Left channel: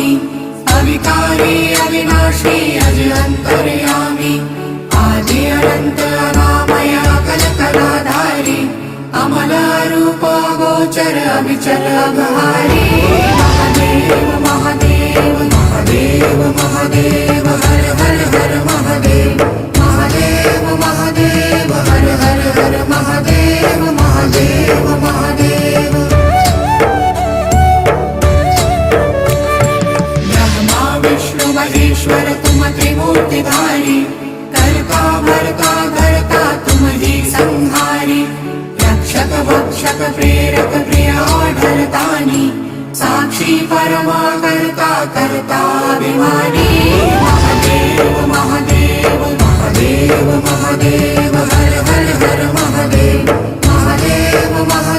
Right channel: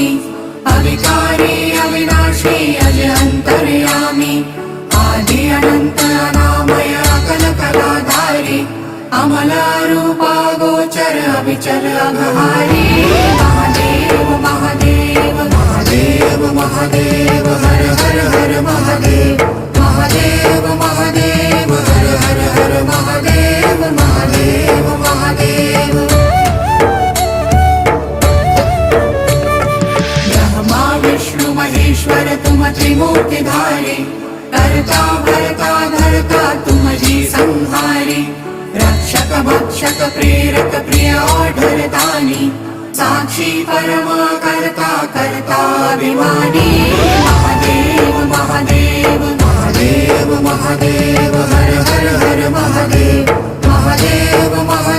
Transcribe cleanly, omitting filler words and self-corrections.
स्वामी अविकारी अविनाशी अज अंतर्यामी आदि अनंत अनामय अकल कलाधारी अमल रूप गोचर अविचल अघहारी महादेव महादेव महादेव महादेव हर हर हर महादेव महादेव महादेव हर हर हर महादेव महादेव महादेव ब्रह्मा विष्णु महेश्वर तुम त्रिमूर्तिधारी कर्ता भर्ता धर्ता तुम जी संहारी रक्षक भक्षक प्रेरक प्रिय आढरतानी साक्षी परम कर्ता कर्ता अभिमानी